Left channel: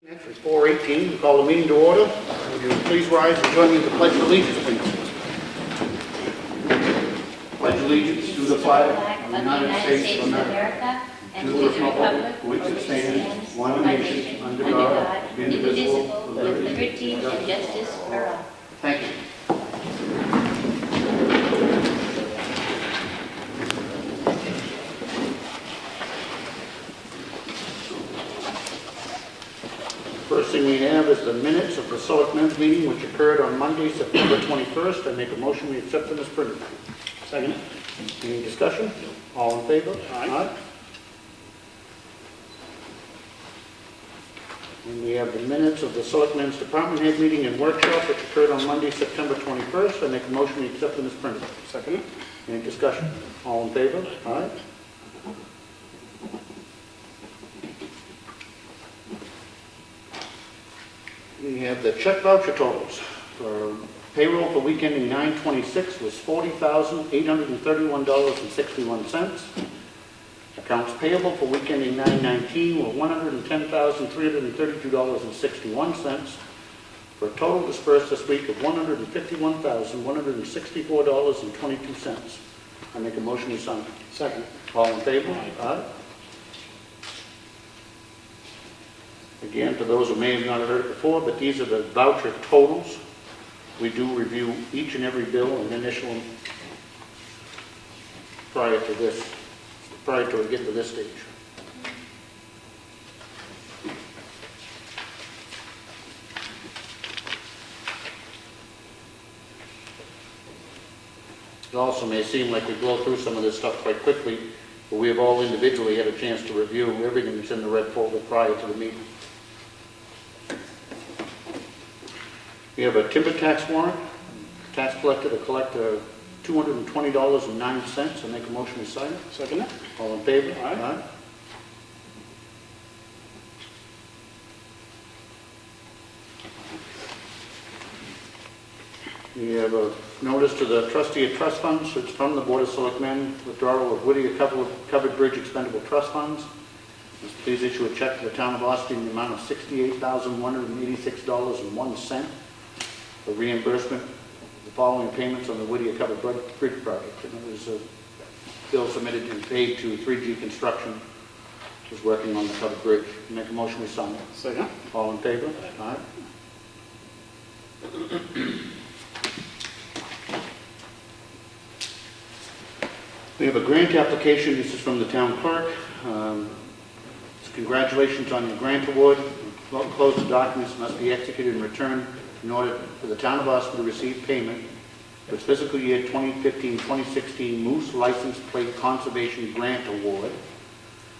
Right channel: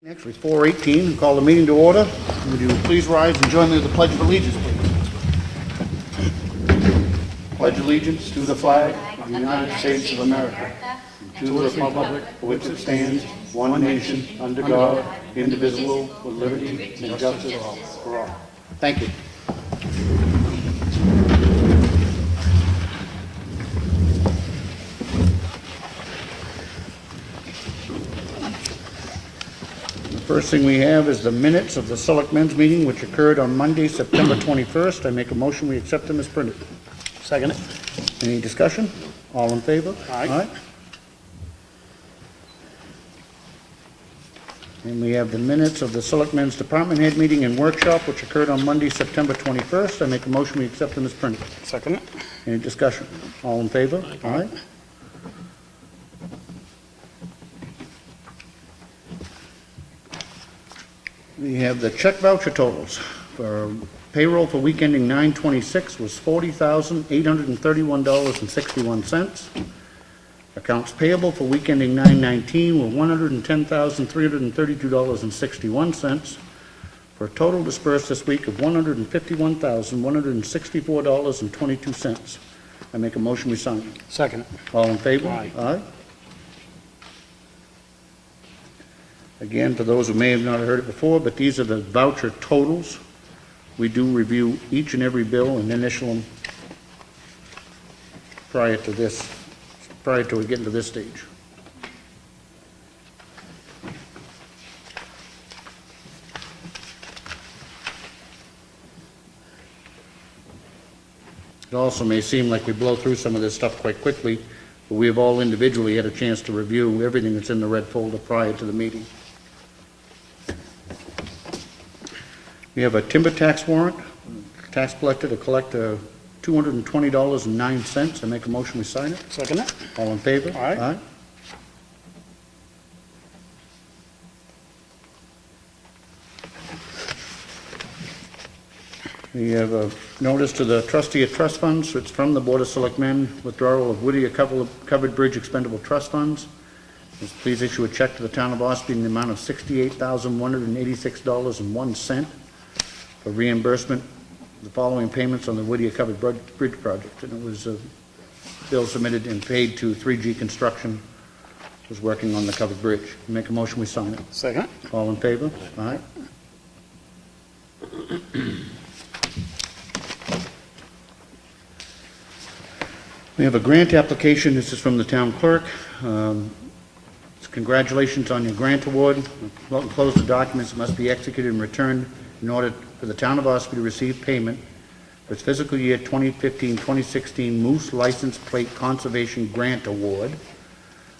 Next is 4:18. We call the meeting to order. Would you please rise and join me in the Pledge of Allegiance, please? Pledge allegiance to the flag of the United States of America, to the republic for which it stands, one nation, under God, indivisible, with liberty and justice for all. Thank you. First thing we have is the minutes of the Selectmen's meeting, which occurred on Monday, September 21st. I make a motion we accept them as printed. Second it. Any discussion? All in favor? Aye. And we have the minutes of the Selectmen's Department Head meeting and workshop, which occurred on Monday, September 21st. I make a motion we accept them as printed. Second it. Any discussion? All in favor? Aye. We have the check voucher totals. For payroll for week ending 9/26 was $40,831.61. Accounts payable for week ending 9/19 were $110,332.61, for a total dispersed this week of $151,164.22. I make a motion we sign. Second. All in favor? Aye. Aye. Again, for those who may have not heard before, but these are the voucher totals. We do review each and every bill and initial them prior to we get to this stage. It also may seem like we blow through some of this stuff quite quickly, but we have all individually had a chance to review everything that's in the red folder prior to the meeting. We have a timber tax warrant, tax collector to collect $220.09. I make a motion we sign it. Second it. All in favor? Aye. We have a notice to the trustee of trust funds. It's from the Board of Selectmen, withdrawal of Whittier Covered Bridge Expendable Trust Funds. Please issue a check to the town of Ossipee in the amount of $68,186.01 for reimbursement of the following payments on the Whittier Covered Bridge project. And it was a bill submitted and paid to 3G Construction, who's working on the covered bridge. Make a motion we sign it. Second. All in favor? Aye. We have a grant application. This is from the town clerk. Congratulations on your grant award. Well, enclosed the documents must be executed and returned in order for the town of Ossipee to receive payment for its fiscal year 2015-2016 Moose License Plate Conservation Grant Award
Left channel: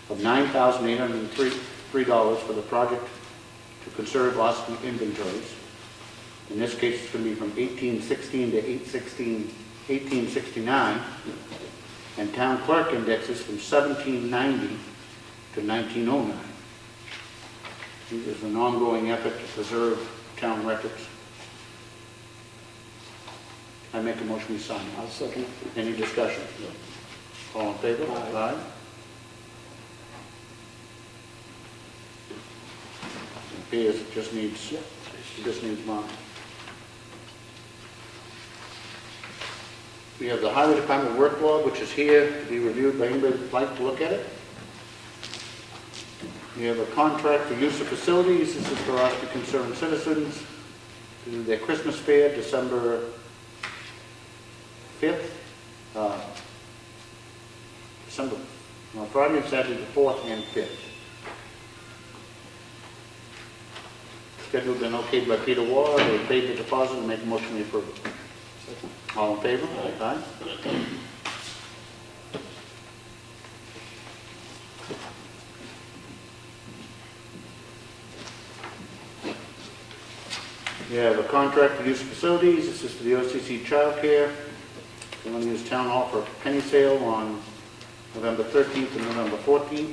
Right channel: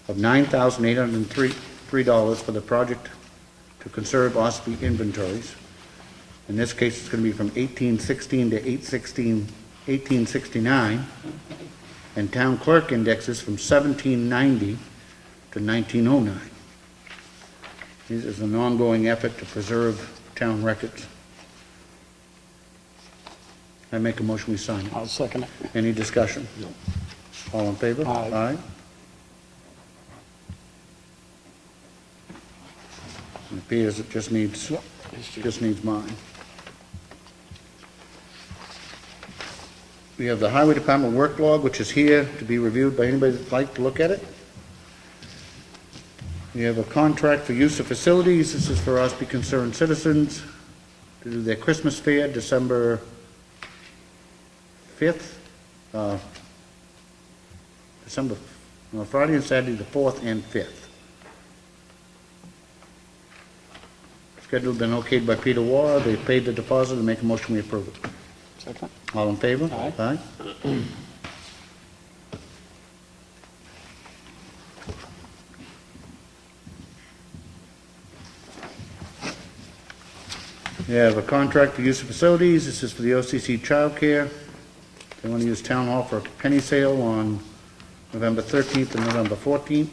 of $9,803 for the project to conserve Ossipee inventories. In this case, it's going to be from 1816 to 1869, and town clerk indexes from 1790 to 1909. This is an ongoing effort to preserve town records. I make a motion we sign. I'll second it. Any discussion? All in favor? Aye. It appears it just needs mine. We have the Highway Department work log, which is here to be reviewed by anybody that'd like to look at it. We have a contract for use of facilities. This is for Ossipee concerned citizens to do their Christmas fair, December 5th. Friday and Saturday, the 4th and 5th. Schedule been okayed by Peter Ward. They paid the deposit and make a motion we approve it. Second. All in favor? Aye. We have a contract for use of facilities. This is for the OCC childcare. They want to use town hall for a penny sale on November 13th and November 14th.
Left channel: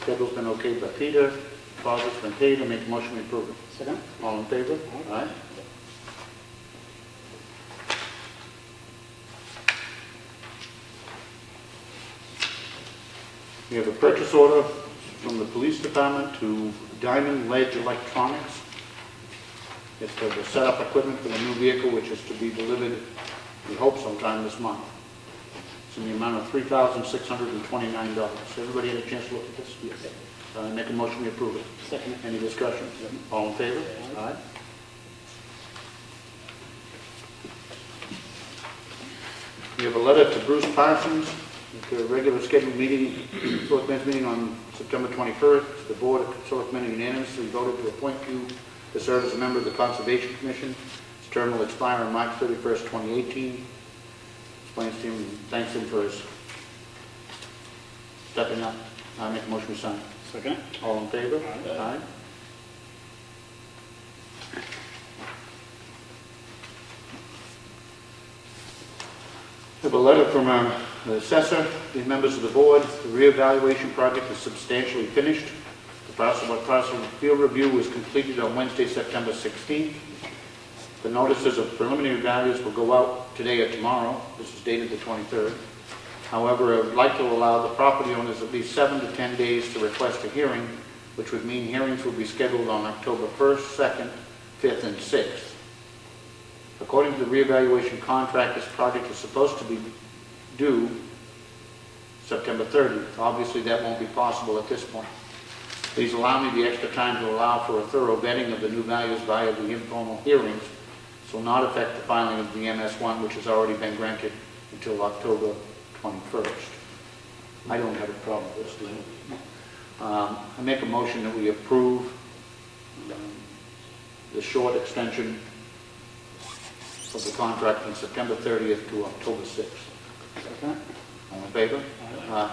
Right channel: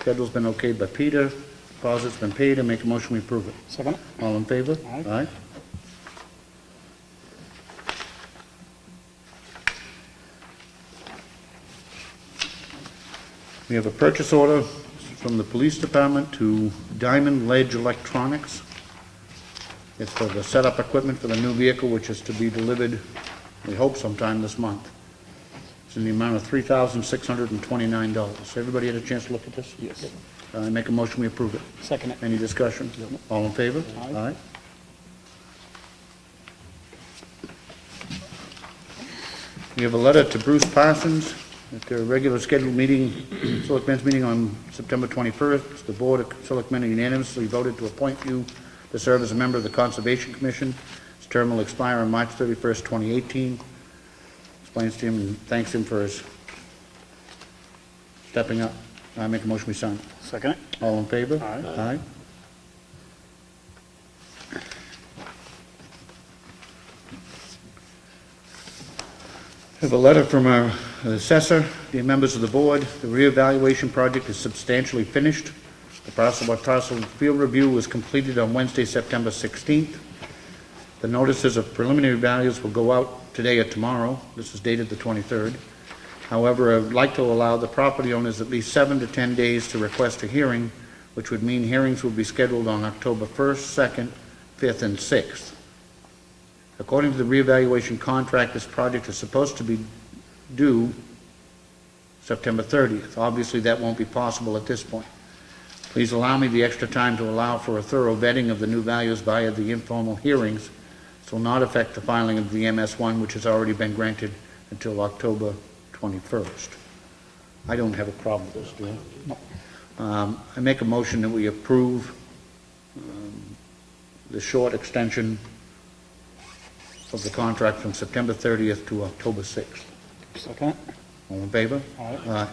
Schedule's been okayed by Peter. Deposit's been paid. I make a motion we approve it. Second. All in favor? Aye. We have a purchase order from the police department to Diamond Ledge Electronics. It's for the setup equipment for the new vehicle, which is to be delivered, we hope sometime this month. It's in the amount of $3,629. Everybody had a chance to look at this? Yes. Make a motion, we approve it. Second it. Any discussion? All in favor? Aye. We have a letter to Bruce Parsons, at a regular scheduled meeting, Selectmen's meeting on September 21st. The Board of Selectmen unanimously voted to appoint you to serve as a member of the Conservation Commission. His term will expire on March 31st, 2018. Explains to him and thanks him for his stepping up. I make a motion we sign. Second it. All in favor? Aye. Aye. We have a letter from our assessor, the members of the board. The reevaluation project is substantially finished. The parcel field review was completed on Wednesday, September 16th. The notices of preliminary values will go out today or tomorrow. This is dated the 23rd. However, I would like to allow the property owners at least 7 to 10 days to request a hearing, which would mean hearings will be scheduled on October 1st, 2nd, 5th, and 6th. According to the reevaluation contract, this project is supposed to be due September 30th. Obviously, that won't be possible at this point. Please allow me the extra time to allow for a thorough vetting of the new values via the informal hearings. This will not affect the filing of the MS1, which has already been granted until October 21st. I don't have a problem with this, do you? I make a motion that we approve the short extension of the contract from September 30th to October 6th. Second it. All in favor? Aye.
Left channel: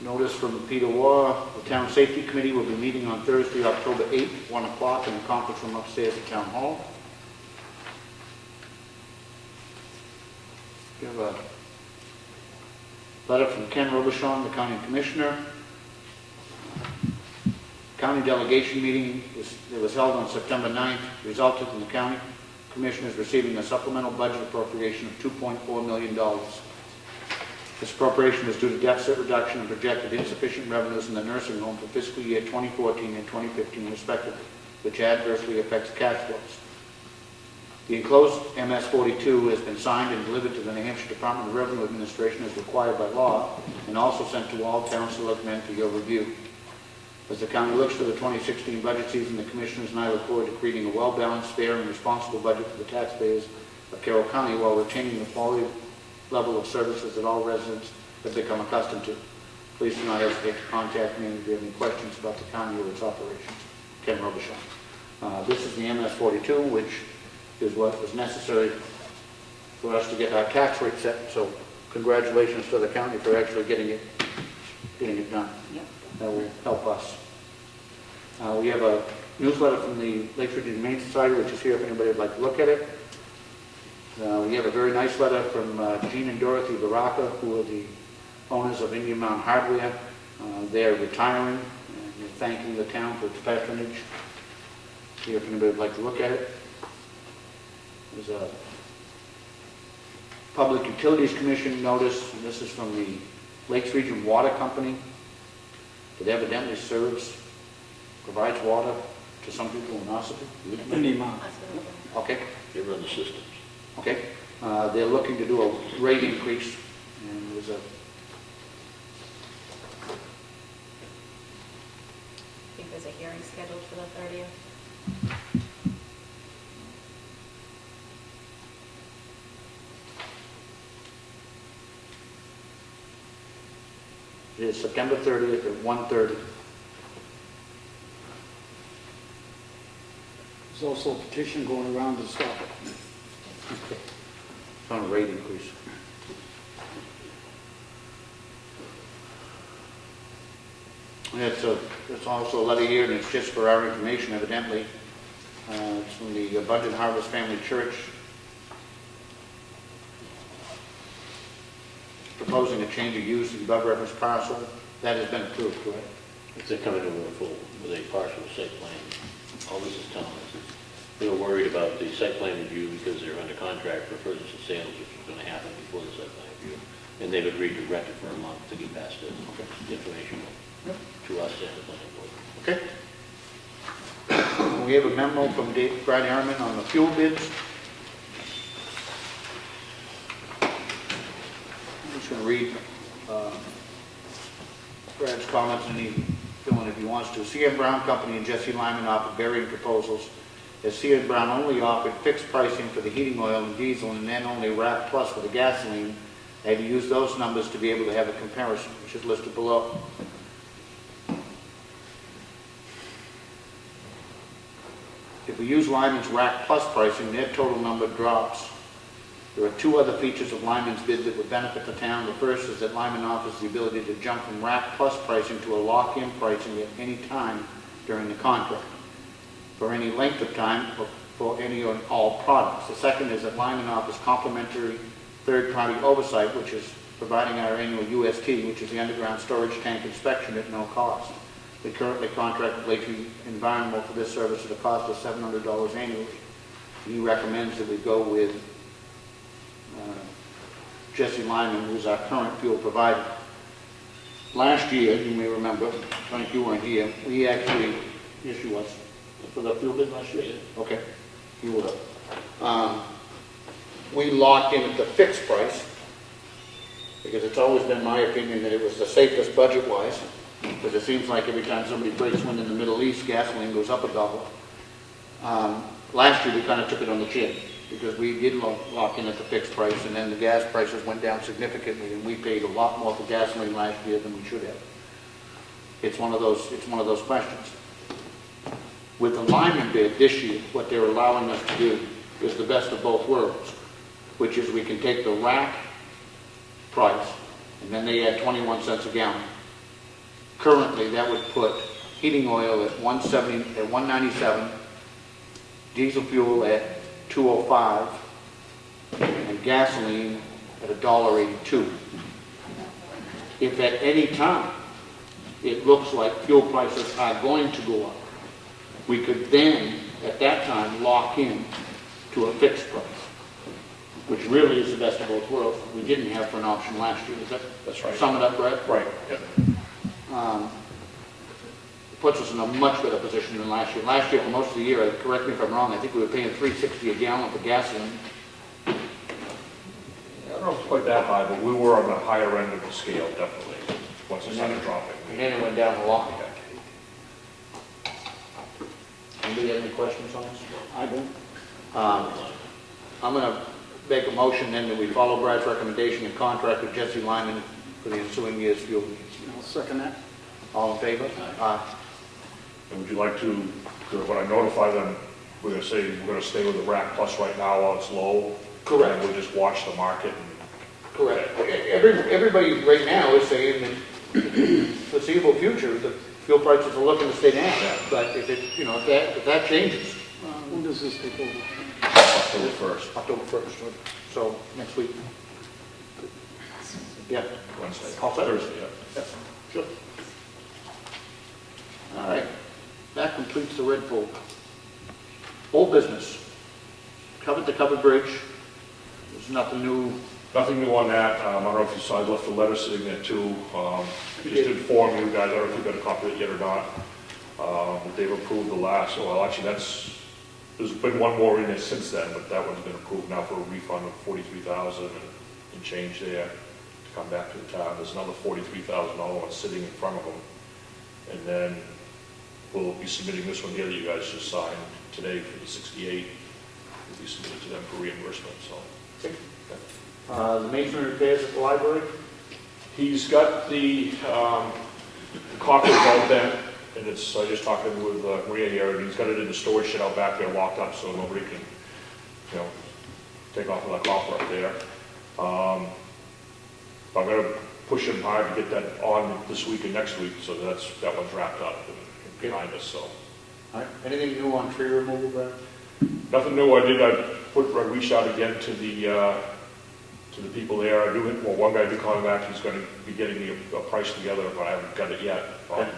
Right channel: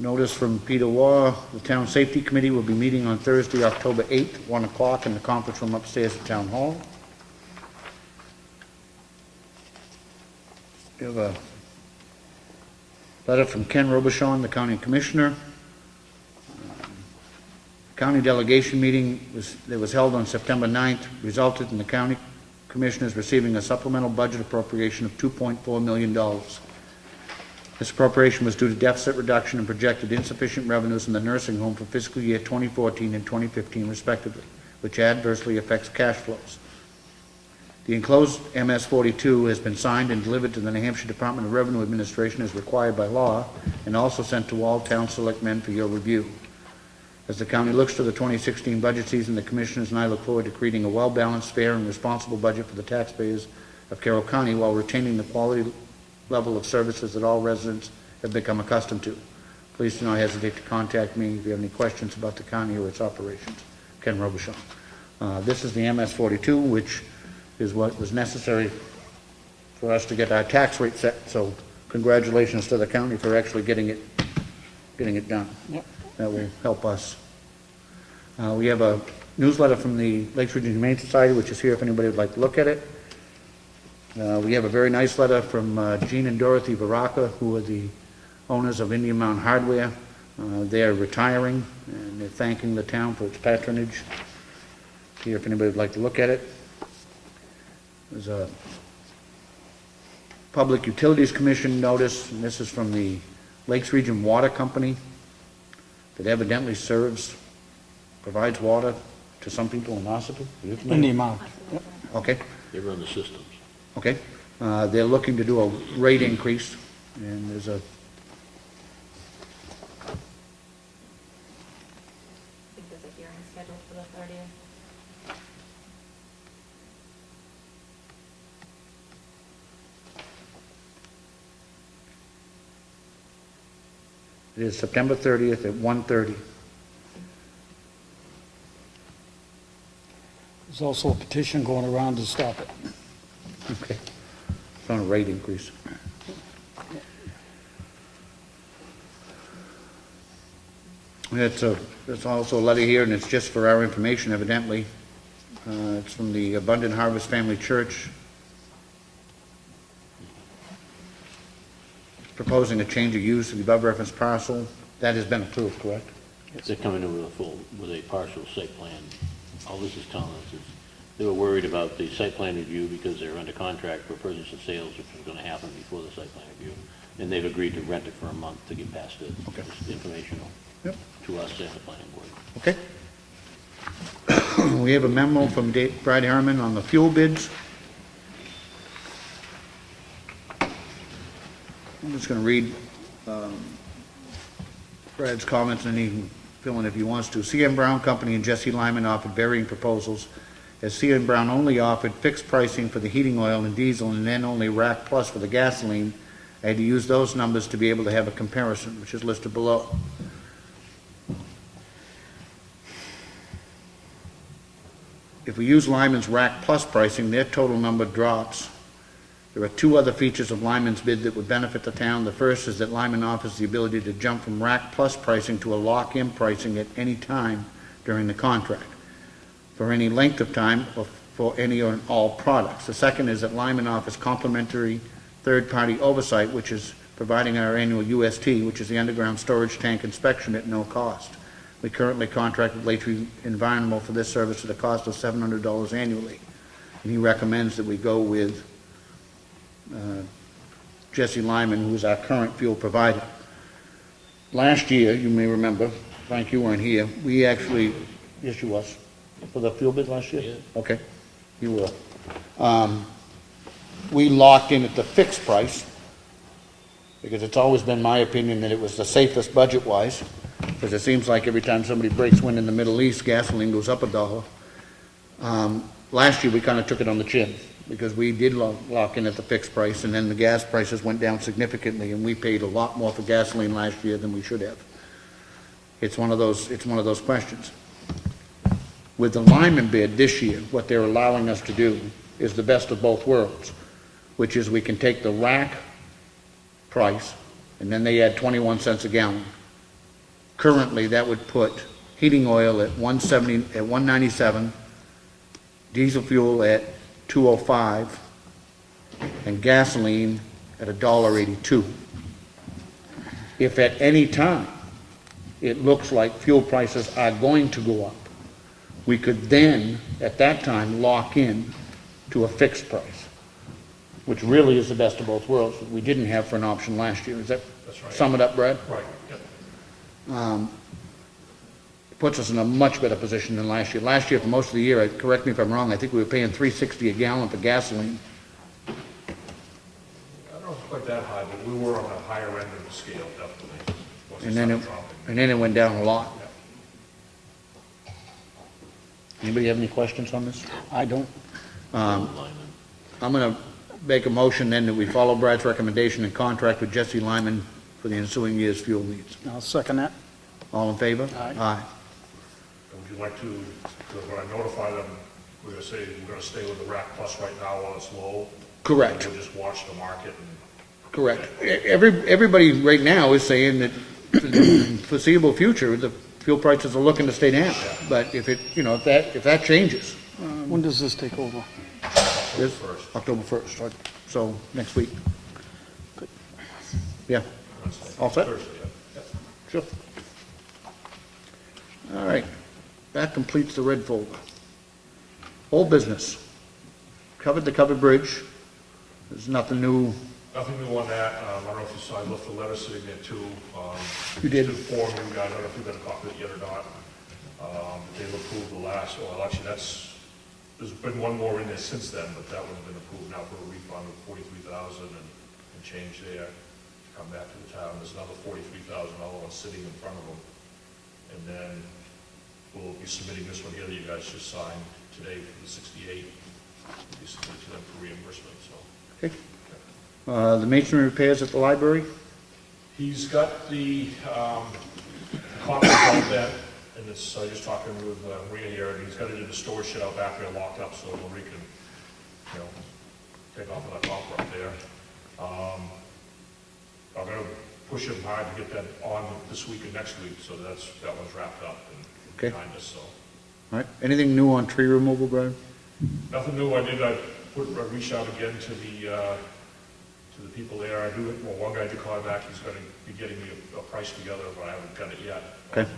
Notice from Peter Waugh, the Town Safety Committee will be meeting on Thursday, October 8th, 1 o'clock in the conference room upstairs at Town Hall. We have a letter from Ken Robichon, the County Commissioner. County delegation meeting that was held on September 9th resulted in the County Commissioners receiving a supplemental budget appropriation of $2.4 million. This appropriation was due to deficit reduction and projected insufficient revenues in the nursing home for fiscal year 2014 and 2015 respectively, which adversely affects cash flows. The enclosed MS-42 has been signed and delivered to the New Hampshire Department of Revenue Administration as required by law, and also sent to all town selectmen for your review. As the county looks to the 2016 budget season, the Commissioners and I look forward to creating a well-balanced, fair, and responsible budget for the taxpayers of Carroll County while retaining the quality level of services that all residents have become accustomed to. Please do not hesitate to contact me if you have any questions about the county or its operations. Ken Robichon. This is the MS-42, which is what was necessary for us to get our tax rate set. So congratulations to the county for actually getting it done. Yep. That will help us. We have a newsletter from the Lakes Region Humane Society, which is here if anybody would like to look at it. We have a very nice letter from Gene and Dorothy Baraka, who are the owners of Indian Mountain Hardware. They are retiring, and they're thanking the town for its patronage. Here if anybody would like to look at it. There's a Public Utilities Commission notice, and this is from the Lakes Region Water Company. It evidently provides water to some people in Ossipee. In the amount. Yep. Okay, They run the systems. okay. They're looking to do a rate increase, and there's a I think there's a hearing scheduled for the 30th. it is September 30th at 1:30. There's also a petition going around to stop it. Okay. It's on a rate increase. It's also a letter here, and it's just for our information, evidently. It's from the Abundant Harvest Family Church. Proposing a change of use of the above referenced parcel. That has been approved, correct? They're coming in with a partial site plan. All this is telling us is We were worried about the site plan review because they're under contract for purchase and sales, which was gonna happen before the site plan review. And they've agreed to rent it for a month to get past it. It's informational Yep. to us as the planning board. Okay. We have a memo from Brad Harriman on the fuel bids. I'm just going to read Brad's comments and he can fill in if he wants to. C.M. Brown Company and Jesse Lyman offered varying proposals, as C.M. Brown only offered fixed pricing for the heating oil and diesel and then only rack plus for the gasoline. I had to use those numbers to be able to have a comparison, which is listed below. If we use Lyman's rack plus pricing, their total number drops. There are two other features of Lyman's bid that would benefit the town. The first is that Lyman offers the ability to jump from rack plus pricing to a lock-in pricing at any time during the contract, for any length of time or for any or all products. The second is that Lyman offers complimentary third-party oversight, which is providing our annual UST, which is the underground storage tank inspection at no cost. We currently contract with Lakeview Environmental for this service at a cost of $700 annually. And he recommends that we go with Jesse Lyman, who's our current fuel provider. Last year, you may remember, Frank, you weren't here, we actually, yes, you was, for the fuel bid last year? Yeah. Okay, you were. We locked in at the fixed price, because it's always been my opinion that it was the safest budget-wise, because it seems like every time somebody breaks wind in the Middle East, gasoline goes up $1. Last year, we kind of took it on the chin, because we did lock in at the fixed price, and then the gas prices went down significantly, and we paid a lot more for gasoline last year than we should have. It's one of those questions. With the Lyman bid this year, what they're allowing us to do is the best of both worlds, which is we can take the rack price, and then they add 21 cents a gallon. Currently, that would put heating oil at $1.97, diesel fuel at $2.05, and gasoline at $1.82. If at any time it looks like fuel prices are going to go up, we could then, at that time, lock in to a fixed price, which really is the best of both worlds. We didn't have for an option last year. Is that, That's right. sum it up, Brad? Right, yep. Puts us in a much better position than last year. Last year, for most of the year, correct me if I'm wrong, I think we were paying $3.60 a gallon for gasoline. I don't know if it's quite that high, but we were on the higher end of the scale, definitely, once it And then started it, dropping. and then it went down a lot. Anybody have any questions on this? I don't. I'm going to make a motion then that we follow Brad's recommendation and contract with Jesse Lyman for the ensuing year's fuel needs. I'll second that. All in favor? Aye. And would you like to, when I notify them, we're gonna say, we're gonna stay with the rack plus right now while it's low? Correct. And we'll just watch the market and... Correct. Everybody right now is saying that in the foreseeable future, the fuel prices are looking to stay down. But if it, if that changes, When does this take over? October 1st, October 1st, so next week. Yeah, Wednesday. All set? Thursday, yeah. sure. All right, that completes the red folder. Old business. Covered the covered bridge. There's nothing new. Nothing new on that. I don't know if you saw, I left a letter sitting there too. You Just did. to inform you guys, I don't know if you got a copy of it yet or not. But they've approved the last, well, actually there's been one more in there since then, but that one's been approved now for a refund of $43,000 and change there to come back to the town. There's another $43,000 one sitting in front of them. And then we'll be submitting this one here that you guys just signed today for the 68. We'll be submitted to them for reimbursement, so. Okay. The masonry repairs at the library. He's got the copy of all that, and it's, I just talking with Maria here, and he's got it in the storage shed out back there locked up, so nobody can, take off of that copper up there. I'm gonna push him hard to get that on this week and next week, so that one's wrapped up and Okay. behind us, so. All right, anything new on tree removal, Brad? Nothing new, I reached out again to the people there. One guy did call back, he's gonna be getting me a price together, but I haven't got it yet on Okay.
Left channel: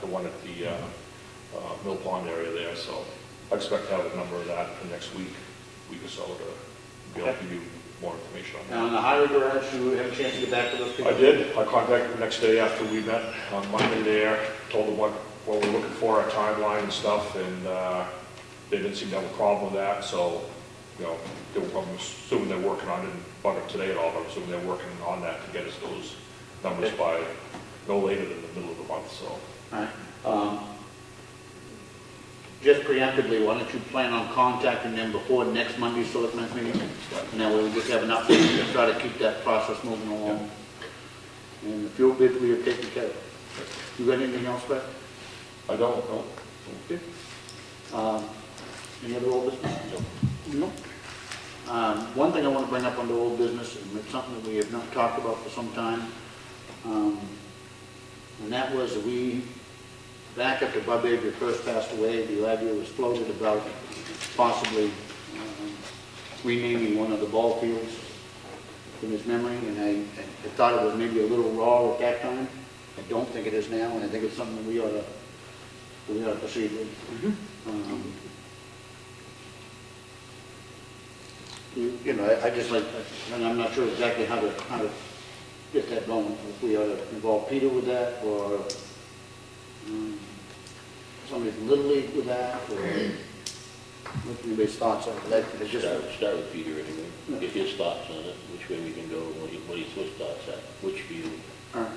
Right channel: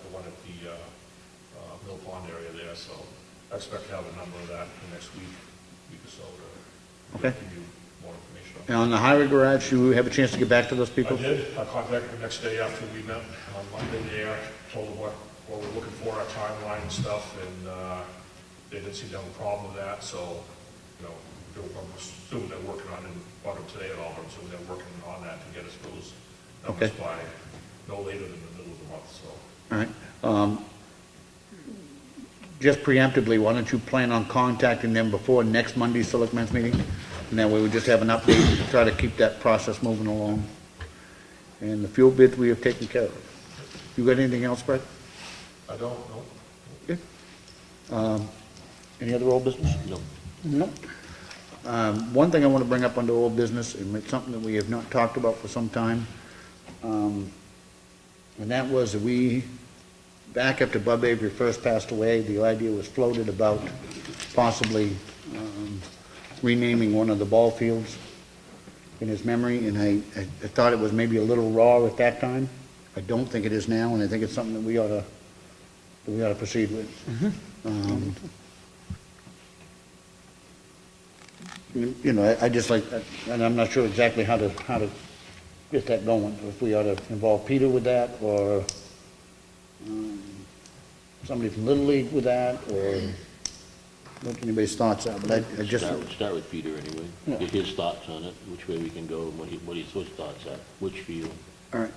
the one at the Mill Pond area there, so I expect to have a number of that in the next week or so to be able Okay. to give you more information on. Now, on the highway garage, do you have a chance to get back to those people? I did. I contacted them the next day after we met on Monday there, told them what we're looking for, our timeline and stuff, and they didn't seem to have a problem with that, so, you know, I'm assuming they're working on it, bought it today at all, but I'm assuming they're working on that to get us those numbers Okay. by no later than the middle of the month, so. All right. Just preemptively, why don't you plan on contacting them before next Monday's selectmen's meeting? And that way we just have an update to try to keep that process moving along. And the fuel bids we have taken care of. You got anything else, Brett? I don't know. Okay. Any other old business? No. No. One thing I want to bring up under old business, and it's something that we have not talked about for some time, and that was that we, back after Bub Avery first passed away, the idea was floated about possibly renaming one of the ball fields in his memory, and I thought it was maybe a little raw at that time. I don't think it is now, and I think it's something that we ought to proceed with. You know, I just like, and I'm not sure exactly how to get that going. If we ought to involve Peter with that, or somebody from Little League with that, or what anybody's thoughts are. But I just, Start with Peter anyway, Yeah. get his thoughts on it, which way we can go, what his thoughts are, which field. all right.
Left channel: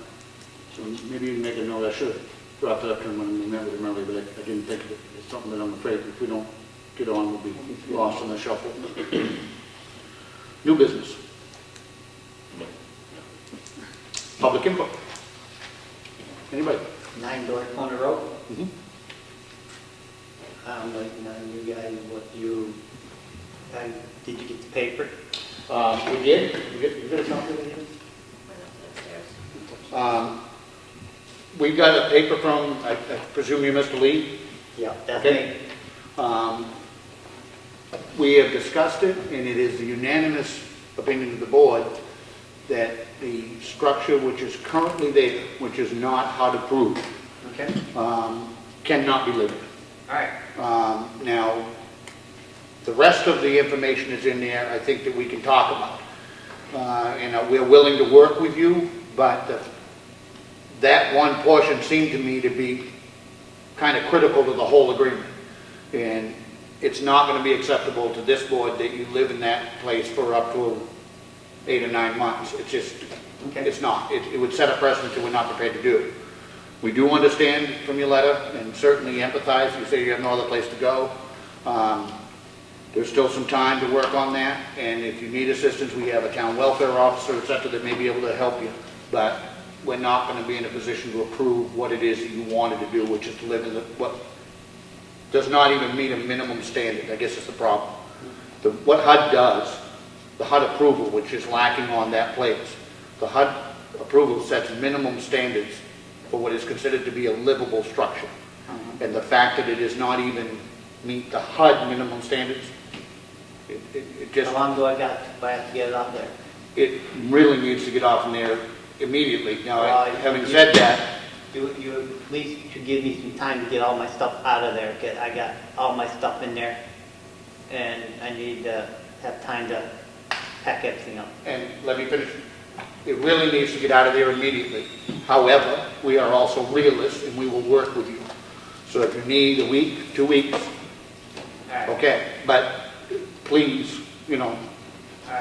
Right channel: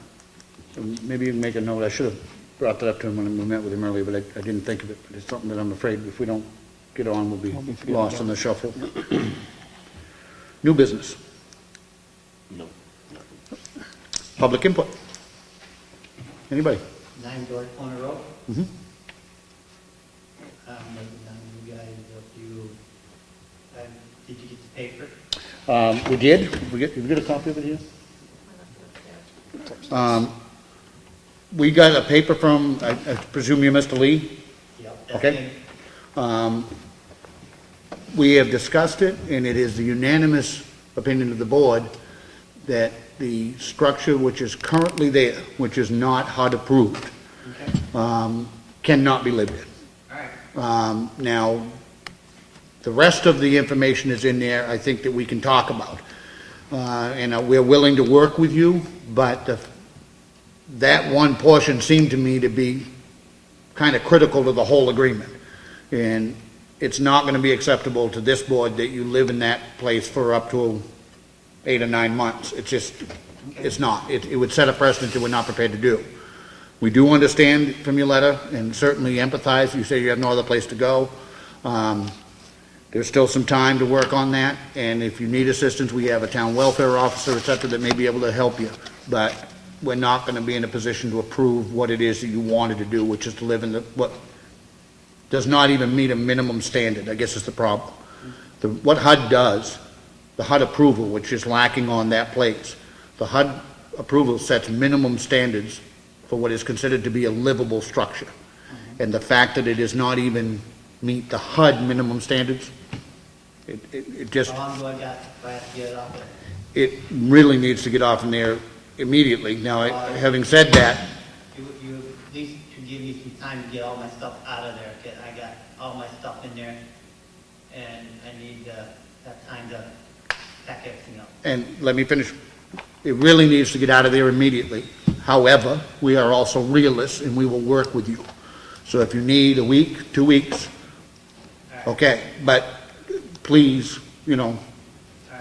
So maybe you can make a note. I should have brought that up to him when we met with him earlier, but I didn't think of it. It's something that I'm afraid if we don't get on, we'll be lost in the shuffle. New business, No. public input. Anybody? 9 Door Corner Road. Mhm. Like, you guys, did you get the paper? We did. We get a copy of it here? We got a paper from, I presume you're Mr. Lee? Yeah, that's Okay. me. We have discussed it, and it is the unanimous opinion of the board that the structure which is currently there, which is not HUD approved, Okay, cannot be lived in. all right. Now, the rest of the information is in there, I think that we can talk about. And we're willing to work with you, but that one portion seemed to me to be kind of critical to the whole agreement. And it's not going to be acceptable to this board that you live in that place for up to 8 or 9 months. It's just, Okay. it's not. It would set a precedent that we're not prepared to do. We do understand from your letter and certainly empathize. You say you have no other place to go. There's still some time to work on that, and if you need assistance, we have a town welfare officer, et cetera, that may be able to help you. But we're not going to be in a position to approve what it is that you wanted to do, which is to live in what does not even meet a minimum standard, I guess is the problem. What HUD does, the HUD approval, which is lacking on that place, the HUD approval sets minimum standards for what is considered to be a livable structure. And the fact that it does not even meet the HUD minimum standards, it just, How long do I have to get it off there? it really needs to get off in there immediately. Now, having said that, You at least should give me some time to get all my stuff out of there, 'cause I got all my stuff in there, and I need to have time to pack everything up. and let me finish, it really needs to get out of there immediately. However, we are also realists, and we will work with you. So if you need a week, 2 weeks, All right. okay, but please, you know,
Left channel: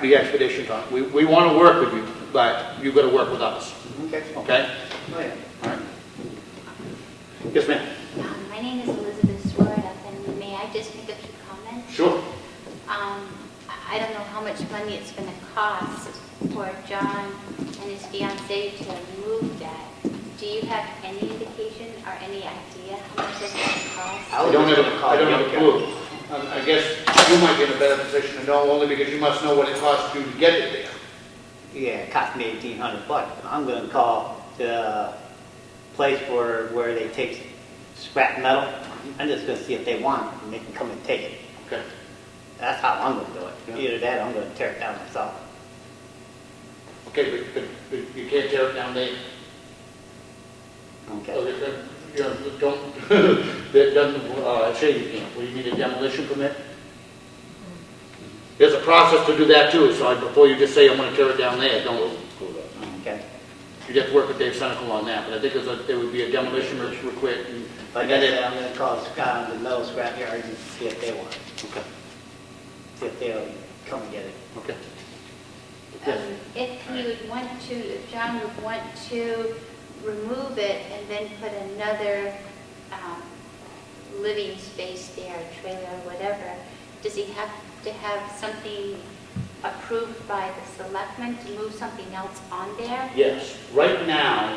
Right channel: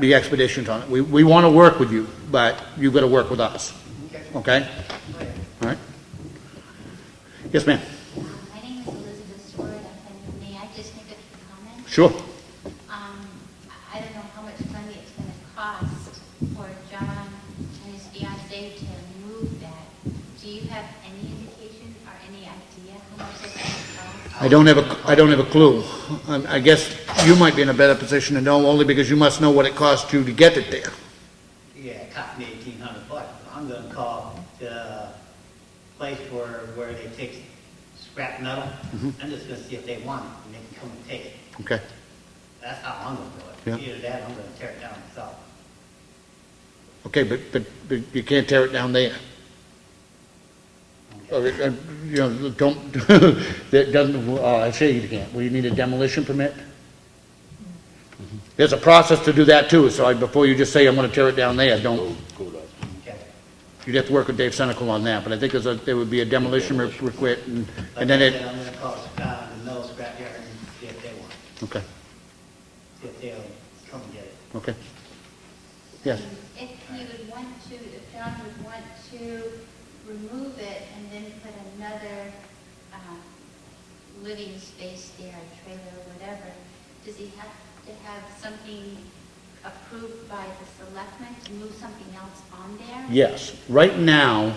be expeditious on it. We want to work with you, but you've got to work with us, Okay. okay? Oh, yeah. All right? Yes, ma'am? My name is Elizabeth Sword, and may I just make a few comments? Sure. I don't know how much money it's going to cost for John and his fiancée to move that. Do you have any indication or any idea how much it's going to cost? I don't have a clue. I guess you might be in a better position to know, only because you must know what it costs you to get it there. Yeah, it cost me $1,800. I'm gonna call the place where they take scrap metal. I'm just gonna see if they want it, and they can come and take it. Okay. That's how I'm gonna do it. Yeah. Either that, or I'm gonna tear it down myself. Okay, but you can't tear it down there. Okay. You know, don't, that doesn't, I say you can't, we need a demolition permit. There's a process to do that too, so before you just say, I'm gonna tear it down there, don't, Go with that. Okay. you'd have to work with Dave Senecal on that, but I think there would be a demolition request, and Like I then said, it, I'm gonna call the metal scrapyard and see if they want it, okay, see if they'll come and get it. okay. Yes. If he would want to, if John would want to remove it and then put another living space there, trailer, whatever, does he have to have something approved by the selectmen to move something else on there? Yes, right now,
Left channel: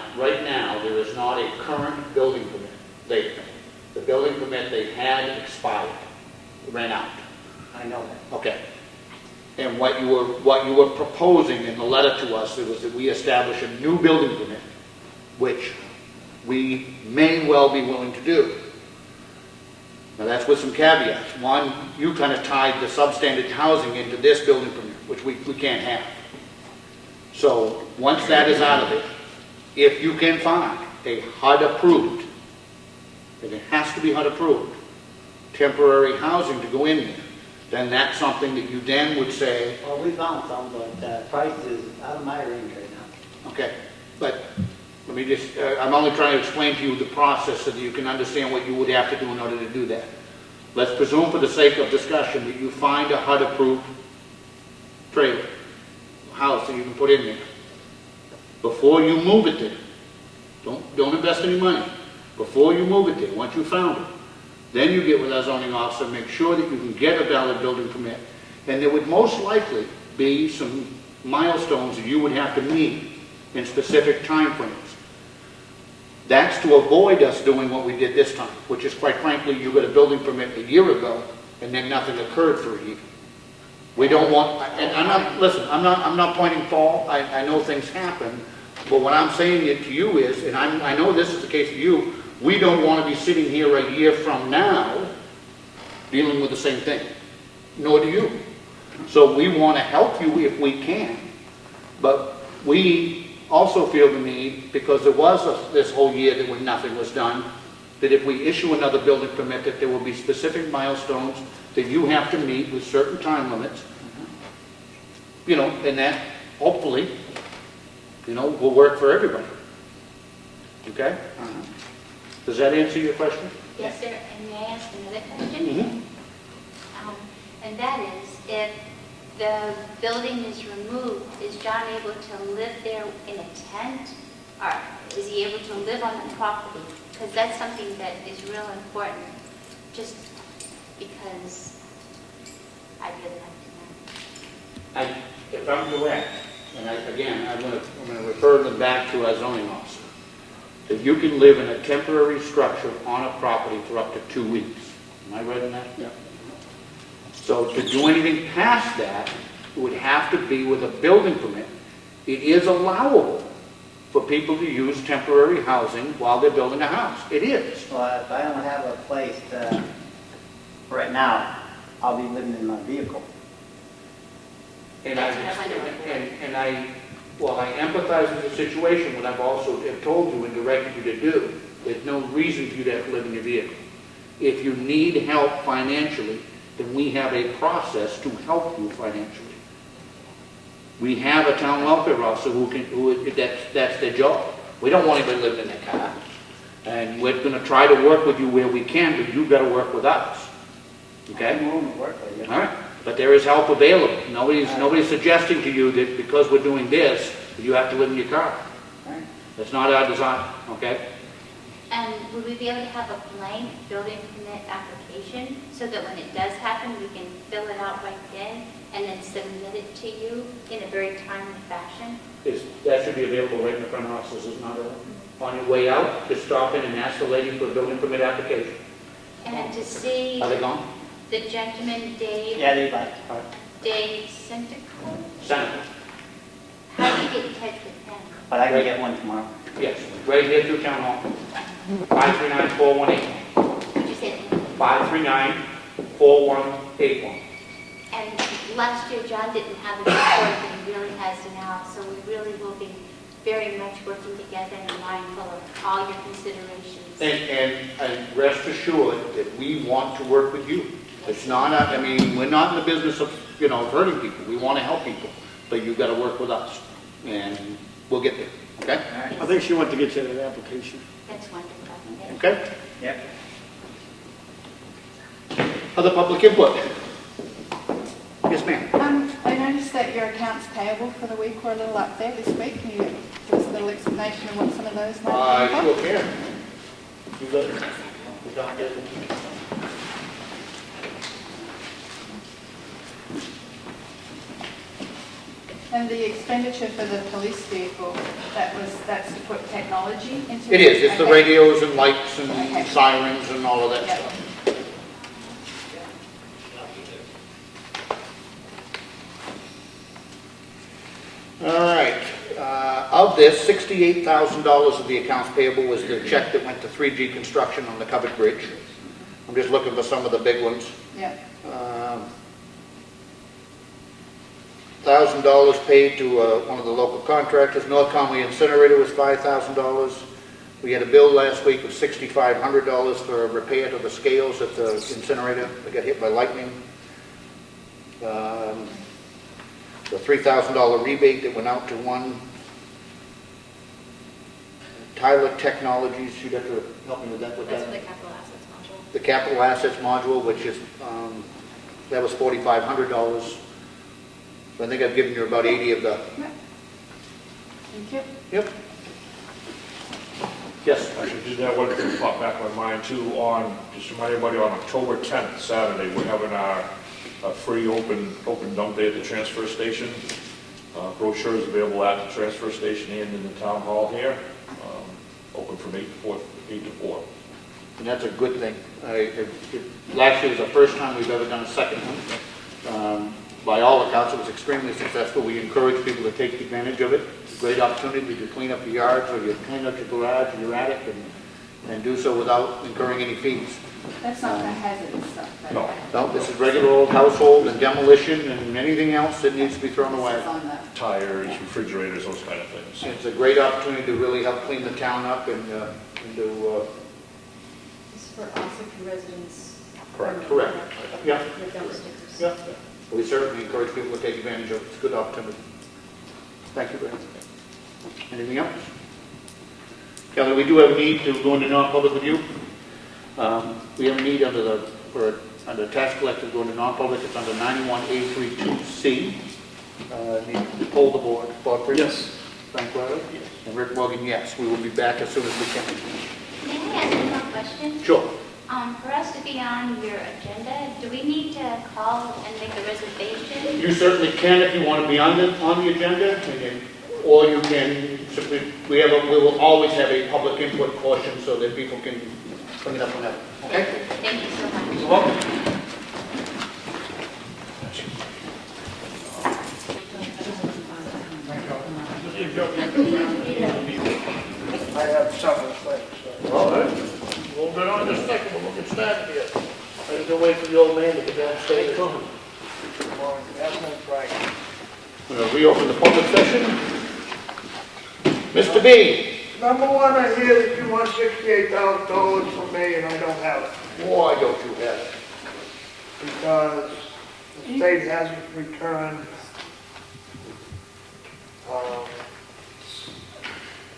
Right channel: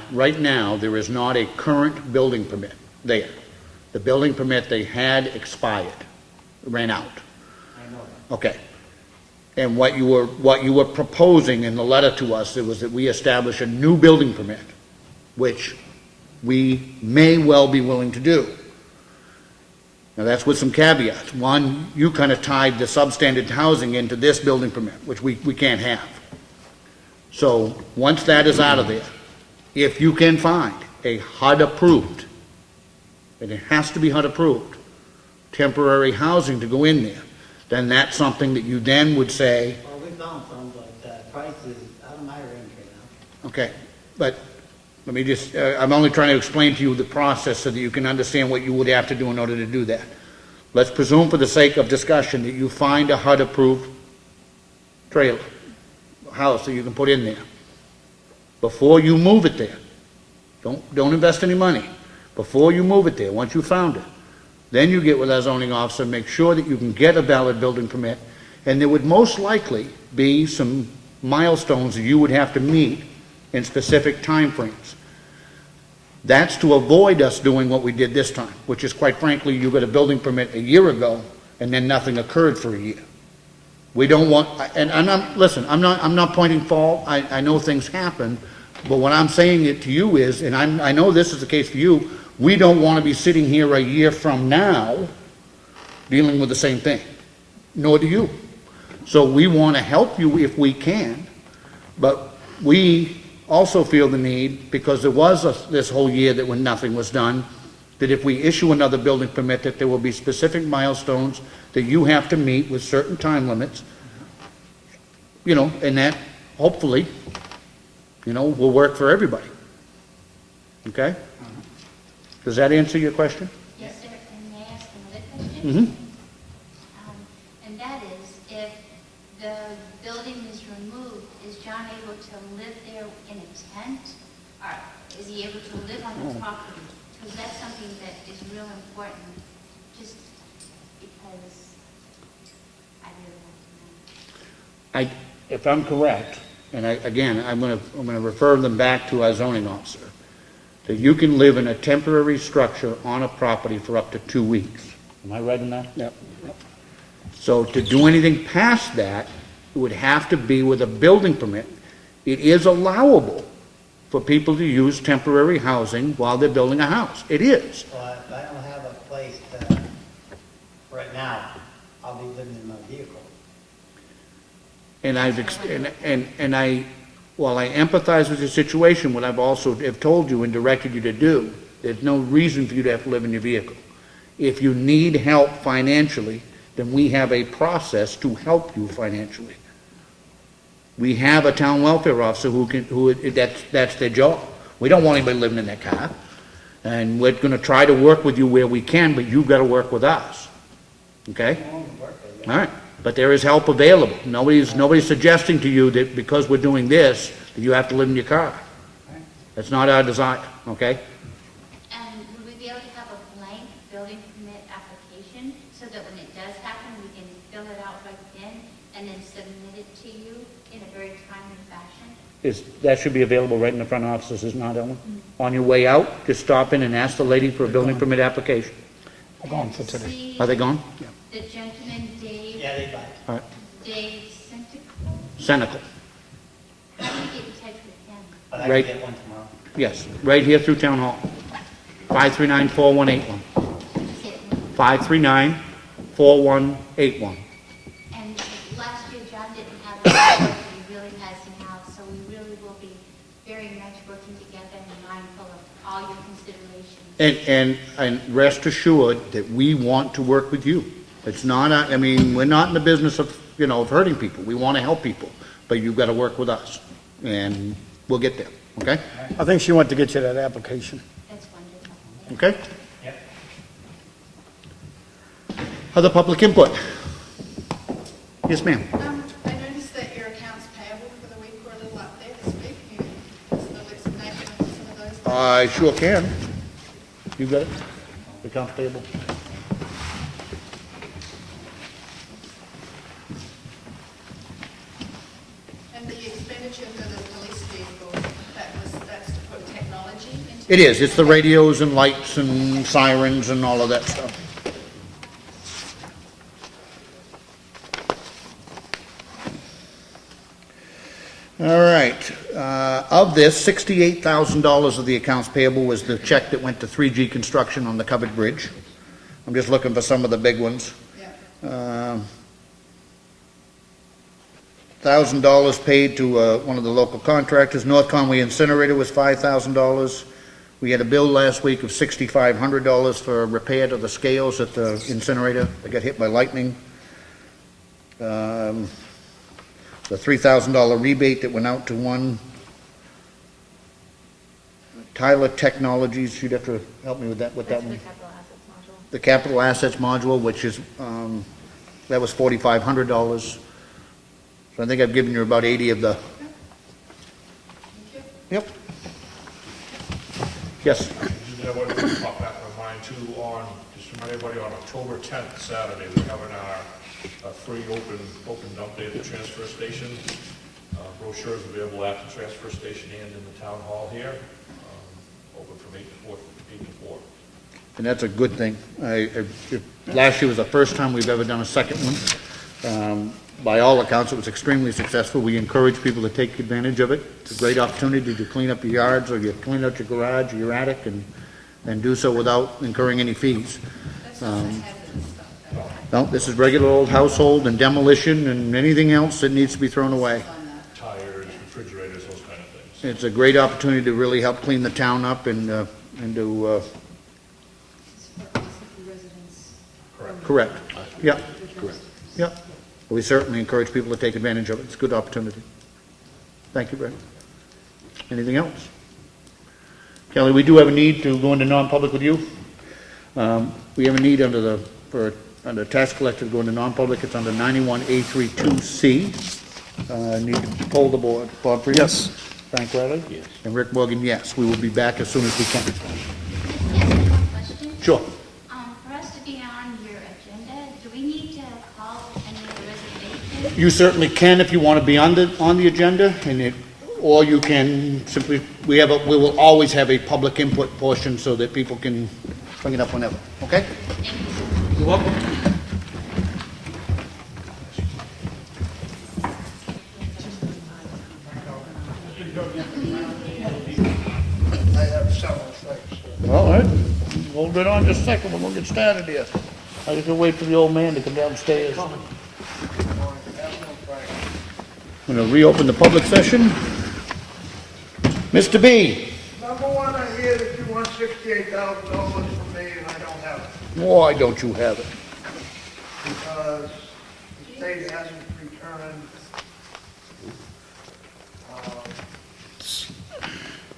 there is not a current building permit there. The building permit they had expired, ran out. I know that. Okay. And what you were proposing in the letter to us, it was that we establish a new building permit, which we may well be willing to do. Now, that's with some caveats. One, you kind of tied the substandard housing into this building permit, which we can't have. So, once that is out of there, if you can find a HUD approved, and it has to be HUD approved, temporary housing to go in there, then that's something that you then would say, Well, we found some, but the price is out of my range right now. okay, but let me just, I'm only trying to explain to you the process so that you can understand what you would have to do in order to do that. Let's presume for the sake of discussion that you find a HUD-approved trailer, house that you can put in there. Before you move it there, don't invest any money. Before you move it there, once you found it, then you get with our zoning officer, make sure that you can get a valid building permit, and there would most likely be some milestones that you would have to meet in specific timeframes. That's to avoid us doing what we did this time, which is quite frankly, you got a building permit a year ago, and then nothing occurred for a year. We don't want, and I'm not, listen, I'm not pointing fault, I know things happen, but what I'm saying it to you is, and I know this is the case for you, we don't want to be sitting here a year from now dealing with the same thing, nor do you. So we want to help you if we can, but we also feel the need, because there was this whole year that when nothing was done, that if we issue another building permit, that there will be specific milestones that you have to meet with certain time limits, you know, and that hopefully, you know, will work for everybody. Okay? Does that answer your question? Yes, sir, and may I ask another question? Mm-hmm. And that is, if the building is removed, is John able to live there in a tent? Or is he able to live on the property? Because that's something that is real important, just because I really like to know. If I'm correct, and I'm going to refer them back to our zoning officer, that you can live in a temporary structure on a property for up to 2 weeks. Am I right on that? Yeah. So to do anything past that, it would have to be with a building permit. It is allowable for people to use temporary housing while they're building a house. It is. Well, if I don't have a place to, right now, I'll be living in my vehicle. And while I empathize with your situation, what I've also have told you and directed you to do, there's no reason for you to have to live in your vehicle. If you need help financially, then we have a process to help you financially. We have a town welfare officer that's their job. We don't want anybody living in their car. And we're gonna try to work with you where we can, but you've gotta work with us. Okay? I'm willing to work with you. All right, but there is help available. Nobody's suggesting to you that because we're doing this, you have to live in your car. Right. That's not our design, okay? And would we be able to have a blank building permit application so that when it does happen, we can fill it out right then and then submit it to you in a very timely fashion? That should be available right in the front offices, is not Ellen? On your way out, just stop in and ask the lady for a building permit application. And to see Are they gone? the gentleman, Dave All right. Seneca. how do you get in touch with him? But I can get one tomorrow. Yes, right here through Town Hall. 539-4181. Would you say, 539-4181. and last year John didn't have a report, but he really has now, so we really will be very much working together and mindful of all your considerations. And rest assured that we want to work with you. It's not, I mean, we're not in the business of, of hurting people. We want to help people, but you've got to work with us, and we'll get there, okay? I think she wanted to get you that application. That's wonderful. Okay? Yep. Other public input? Yes, ma'am. I noticed that your accounts payable for the week were a little up there this week. Can you give us a little explanation of what some of those things I are? sure can. You got it? Account payable? And the expenditure for the police vehicle, that's to put technology into It is. It's the Okay. radios and lights and sirens and all of that stuff. All right. Of this, $68,000 of the accounts payable was the check that went to 3G Construction on the covered bridge. I'm just looking for some of the big ones. Yeah. $1,000 paid to one of the local contractors. North Conway Incinerator was $5,000. We had a bill last week of $6,500 for a repair to the scales at the incinerator that got hit by lightning. The $3,000 rebate that went out to one. Tyler Technologies, you'd have to help me with that, what that That's for one? the capital assets module. The capital assets module, which is, that was $4,500. So I think I've given you about 80 of the, Thank you. yep. Yes, Actually, just that one thing popped back in my mind too, just remind everybody, on October 10th, Saturday, we're having our free open dump day at the transfer station. Brochures available at the transfer station and in the town hall here, open from 8 to 4. and that's a good thing. Last year was the first time we've ever done a second one. By all accounts, it was extremely successful. We encourage people to take advantage of it. It's a great opportunity to clean up your yards, or you clean out your garage or your attic, and do so without incurring any fees. That's not the hazardous stuff. No. No, this is regular old household and demolition and anything else that needs to be thrown away. On that. Tires, refrigerators, those kind of things. It's a great opportunity to really help clean the town up and to, This is for Ossipee residents. Correct. correct. Yeah, The dumpsters. yeah. We certainly encourage people to take advantage of it. It's a good opportunity. Thank you, Brad. Anything else? Kelly, we do have a need to go into non-public with you. We have a need under tax collector to go into non-public. It's under 91A32C. Need to poll the board. Bob Freeman? Yes. Frank Weather? Yes. And Rick Morgan, yes. We will be back as soon as we can. Can I ask you one question? Sure. For us to be on your agenda, do we need to call and make a reservation? You certainly can if you want to be on the agenda, or you can simply, we will always have a public input portion so that people can bring it up whenever, okay? Thank you so much. You're welcome. I have several things. All right. Hold it on just a second, we're gonna get started here. I just gonna wait for the old man to come downstairs. We're gonna reopen the public session. Mr. B, Number one, I hear that you want $68,000 from me and I don't have it, why don't you have it? because the state hasn't returned,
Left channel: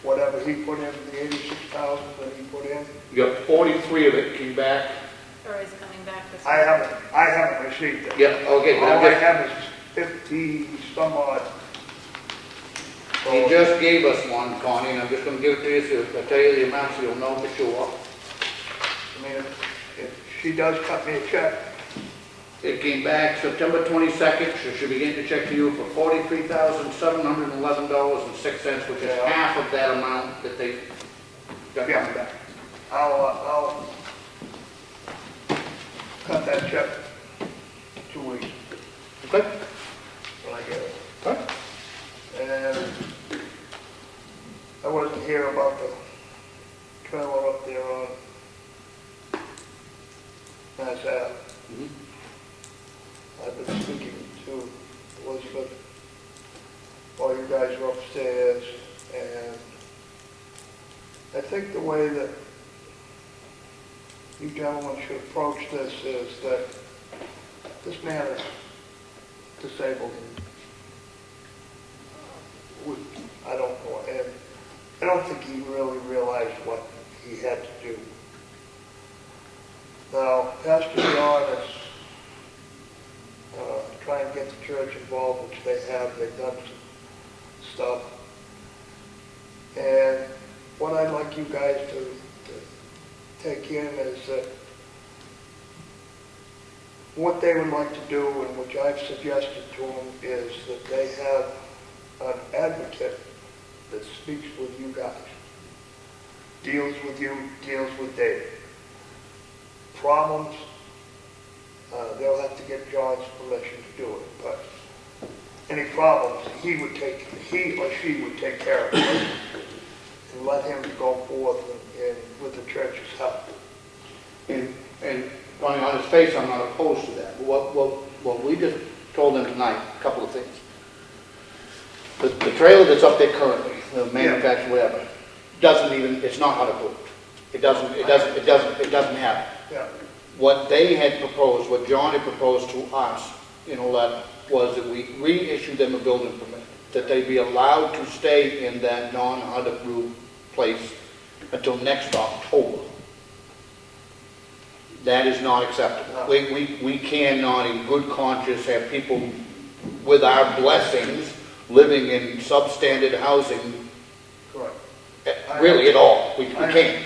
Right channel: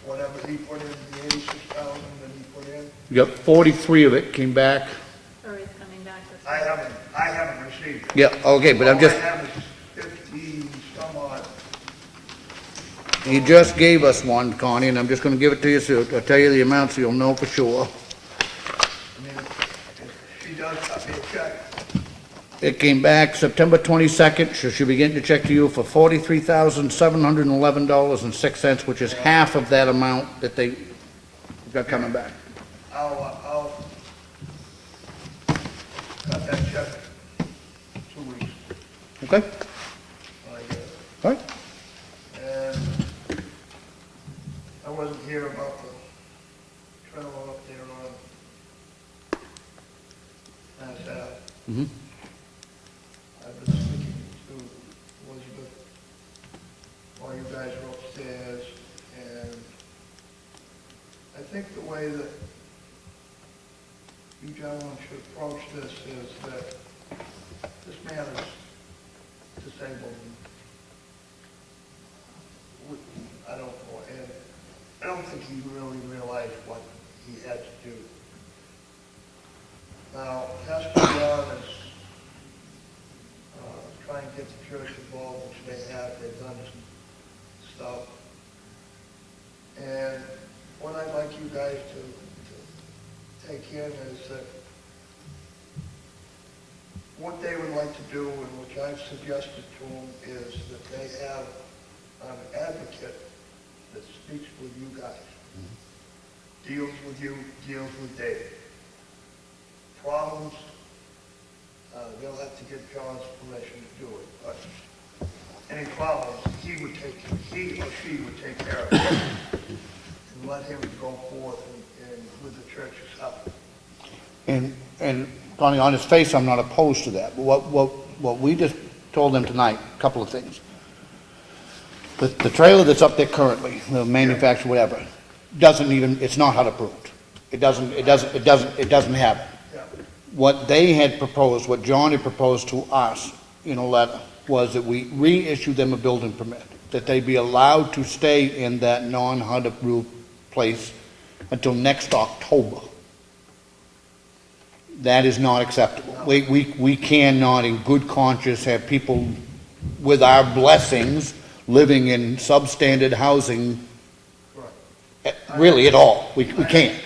whatever he put in, the 86,000 that he put in. You got 43 of it came back. Or is coming back this I haven't received it. Yeah, okay, but I'm All just, I have is 50 some odd. he just gave us one, Connie, and I'm just gonna give it to you, so I'll tell you the amount so you'll know for sure. I mean, if she does cut me a check, It came back September 22nd, so she'll be getting the check to you for $43,711.06, which is half of that amount that they got coming back. I'll cut that check in 2 weeks Okay? when I get it. All right? And I wasn't here about the trailer up there on Mass Ave. Mhm. I've been speaking to Elizabeth while you guys were upstairs, and I think the way that you gentlemen should approach this is that this man is disabled. I don't know, and I don't think he really realized what he had to do. Now, Pastor John is trying to get the church involved, which they have. They've done some stuff. And what I'd like you guys to take in is that what they would like to do, and which I've suggested to them, is that they have an advocate that speaks with you guys, deals with you, deals with David. Problems, they'll have to get John's permission to do it, but any problems, he or she would take care of it and let him go forth and with the church's help. And Connie, on his face, I'm not opposed to that. But what we just told them tonight, a couple of things. The trailer that's up there currently, the manufacturer, whatever, doesn't even, it's not HUD approved. It doesn't have it. Yeah. What they had proposed, what John had proposed to us in a letter, was that we reissue them a building permit, that they be allowed to stay in that non-HUD approved place until next October. That is not acceptable. We cannot in good conscience have people with our blessings living in substandard housing, Correct. really at all. We can't.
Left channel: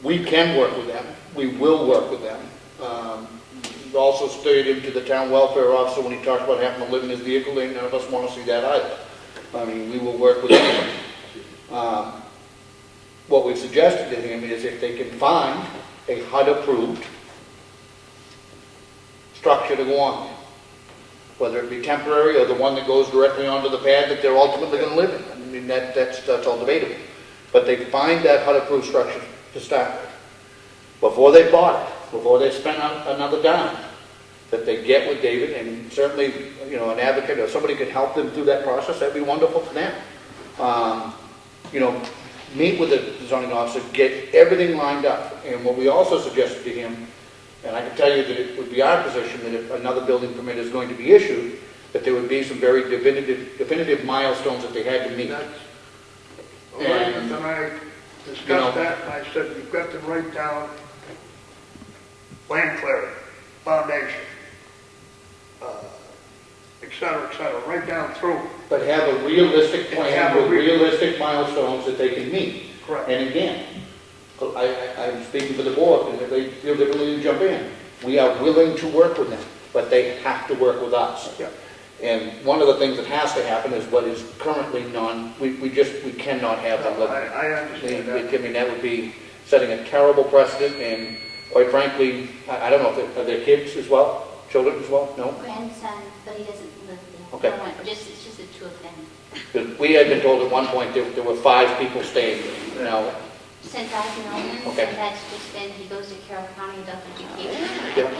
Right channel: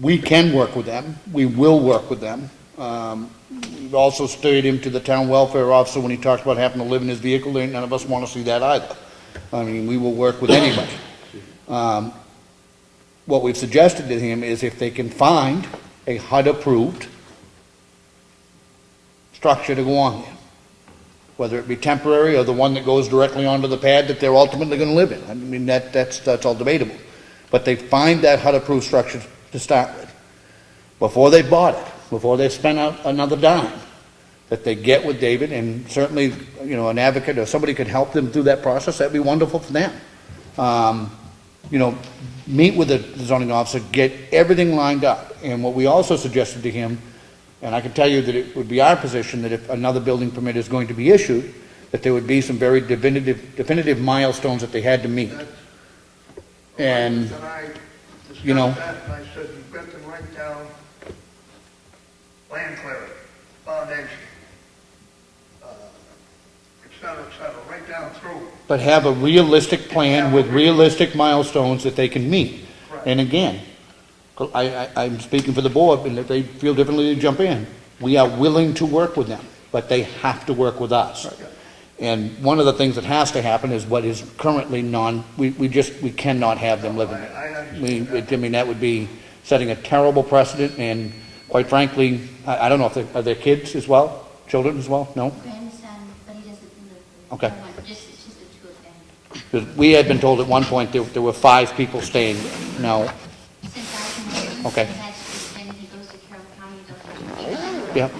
We can work with them. We will work with them. We've also stated him to the town welfare officer when he talked about having to live in his vehicle. None of us want to see that either. I mean, we will work with anybody. What we've suggested to him is if they can find a HUD-approved structure to go on there, whether it be temporary or the one that goes directly onto the pad that they're ultimately going to live in. I mean, that's all debatable. But they find that HUD-approved structure to start with. Before they bought it, before they spent another dime, that they get with David, and certainly, you know, an advocate or somebody could help them through that process, that'd be wonderful for them. You know, meet with the zoning officer, get everything lined up. And what we also suggested to him, and I can tell you that it would be our position that if another building permit is going to be issued, that there would be some very definitive milestones that they had to meet. And, And I discussed you know, that, and I said, you've got to write down land clearing, foundation, et cetera, right down through. but have a realistic plan with realistic milestones that they can meet. Correct. And again, I'm speaking for the board, and if they feel differently to jump in, we are willing to work with them, but they have to work with us. Yeah. And one of the things that has to happen is what is currently we cannot have them living. I understand that. I mean, that would be setting a terrible precedent, and quite frankly, I don't know if are there kids as well, children as well, no? Grandson, but he doesn't live there. Okay. No one, it's just the two of them. Because we had been told at one point there were 5 people staying, you know. Since I've known him, Okay. and that's just been, he goes to Carroll County, does education. Yeah.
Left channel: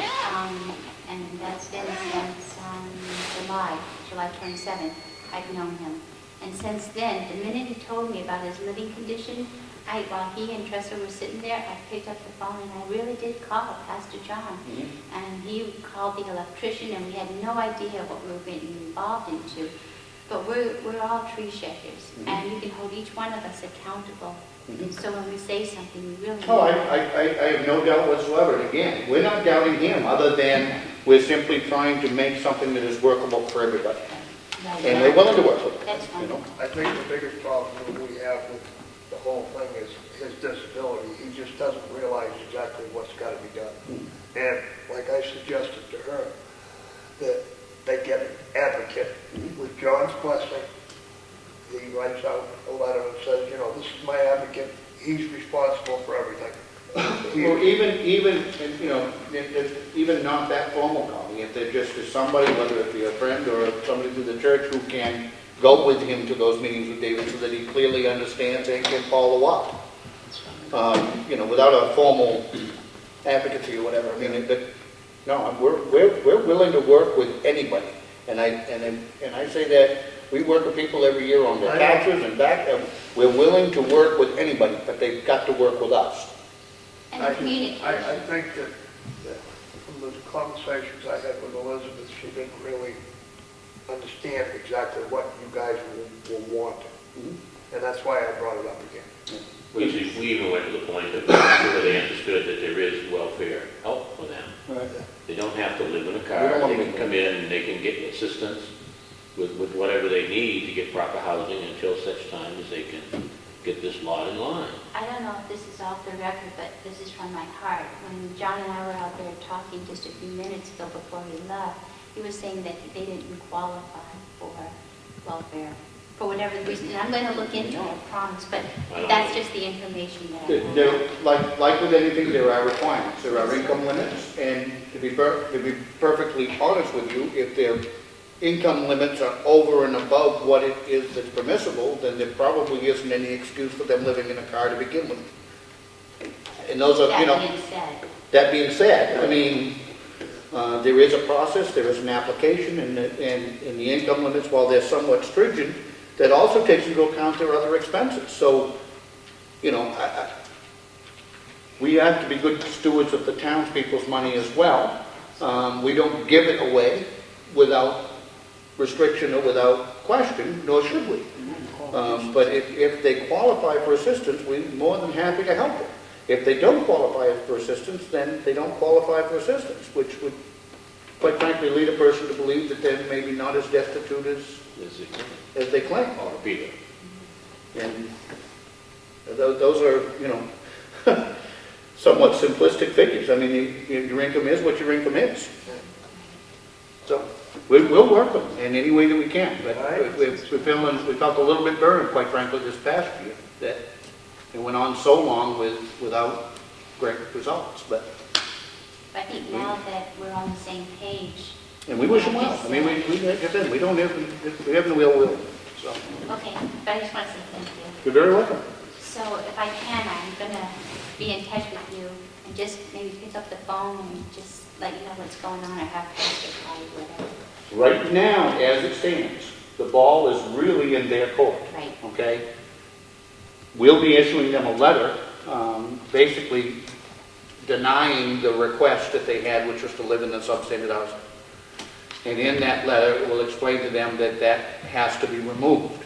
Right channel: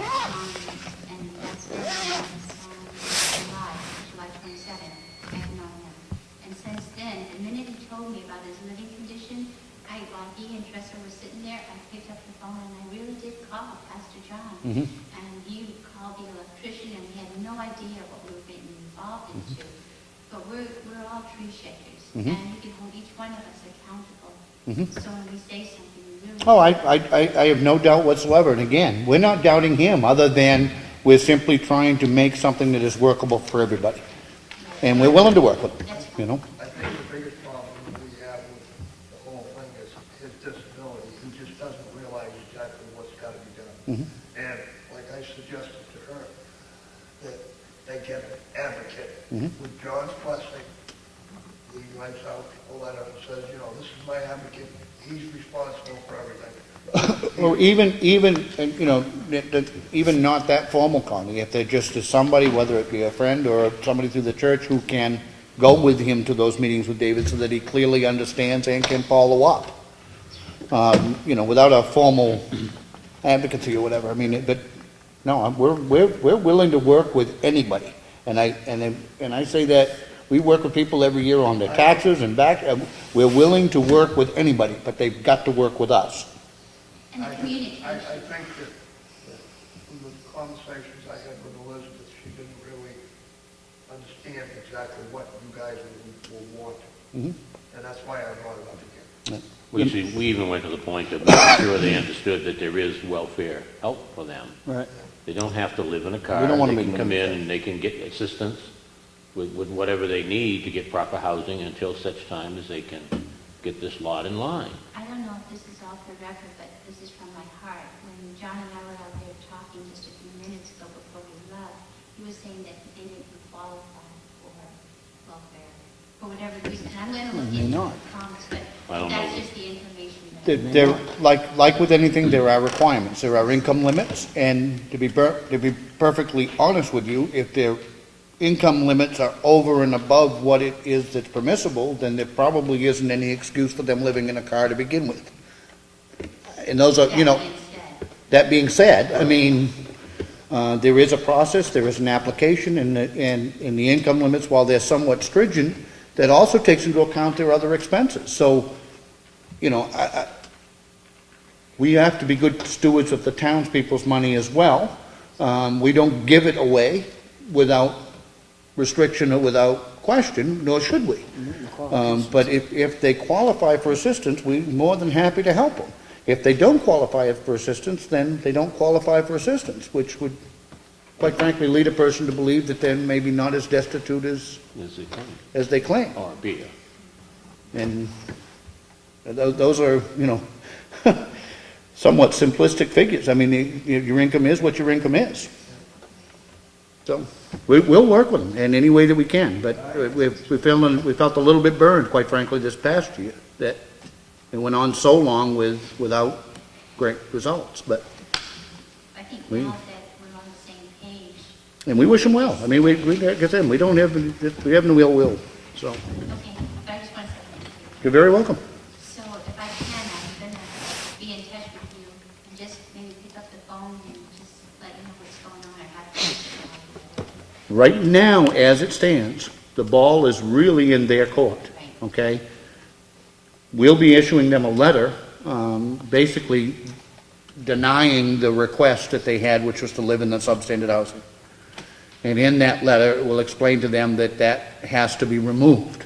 And that's been since July 27th, I've known him. And since then, the minute he told me about his living condition, while he and Tressa were sitting there, I picked up the phone and I really did call Pastor John. Mhm. And he called the electrician, and we had no idea what we were getting involved into. But we're all tree shakers, Mhm. and you can hold each one of us accountable. Mhm. So when we say something, we really. Oh, I have no doubt whatsoever. And again, we're not doubting him, other than we're simply trying to make something that is workable for everybody. Right. And we're willing to work with it, That's you know? I think the biggest problem that we have with the whole thing is his disability. He just doesn't realize exactly what's got to be done. Mhm. And like I suggested to her, that they get an advocate Mhm. with John's blessing. He writes out a letter and says, you know, this is my advocate. He's responsible for everything. Well, even, you know, even not that formal, Connie, if there just is somebody, whether it be a friend or somebody through the church who can go with him to those meetings with David so that he clearly understands and can follow up. You know, without a formal advocacy or whatever, I mean, but, no, we're willing to work with anybody. And I say that We work with people every year on their taxes and back, we're willing to work with anybody, but they've got to work with us. And I the just, communication. I think that from the conversations I had with Elizabeth, she didn't really understand exactly what you guys were wanting. And that's why I brought it up again. We even went to the point of making sure they understood that there is welfare help for them. Right. They don't have to live in a We car, don't wanna they make can them- come in and they can get assistance with whatever they need to get proper housing until such time as they can get this lot in line. I don't know if this is off the record, but this is from my heart. When John and I were out there talking just a few minutes ago before we left, he was saying that they didn't qualify for welfare, for whatever reason. And I'm going to look into it, I promise, but I don't that's know. just the information that I know. There, like with anything, there are requirements, there are income limits, and to be perfectly honest with you, if their income limits are over and above what it is that's permissible, then there probably isn't any excuse for them living in a car to begin with. And those are, you know, That being said, that being said, I mean, there is a process, there is an application, and the income limits, while they're somewhat stringent, that also takes into account their other expenses. So, you know, we have to be good stewards of the townspeople's money as well. We don't give it away without restriction or without question, nor should we. But if they qualify for assistance, we're more than happy to help them. If they don't qualify for assistance, then they don't qualify for assistance, which would, quite frankly, lead a person to believe that they're maybe not as destitute as they claim. Or Peter. And those are, you know, somewhat simplistic figures. I mean, your income is what your income is. So we'll work with them in any way that we can, but we felt a little bit burned, quite frankly, this past year, that it went on so long without great results, but, I think now that we're on the same page. and we wish them well. I mean, like I said, we have no ill will, so. Okay, but I just want to say thank you. You're very welcome. So if I can, I'm going to be in touch with you and just maybe pick up the phone and just let you know what's going on or have to call you, whatever. Right now, as it stands, the ball is really in their court. Right. Okay? We'll be issuing them a letter, basically denying the request that they had, which was to live in the substandard housing. And in that letter, it will explain to them that that has to be removed.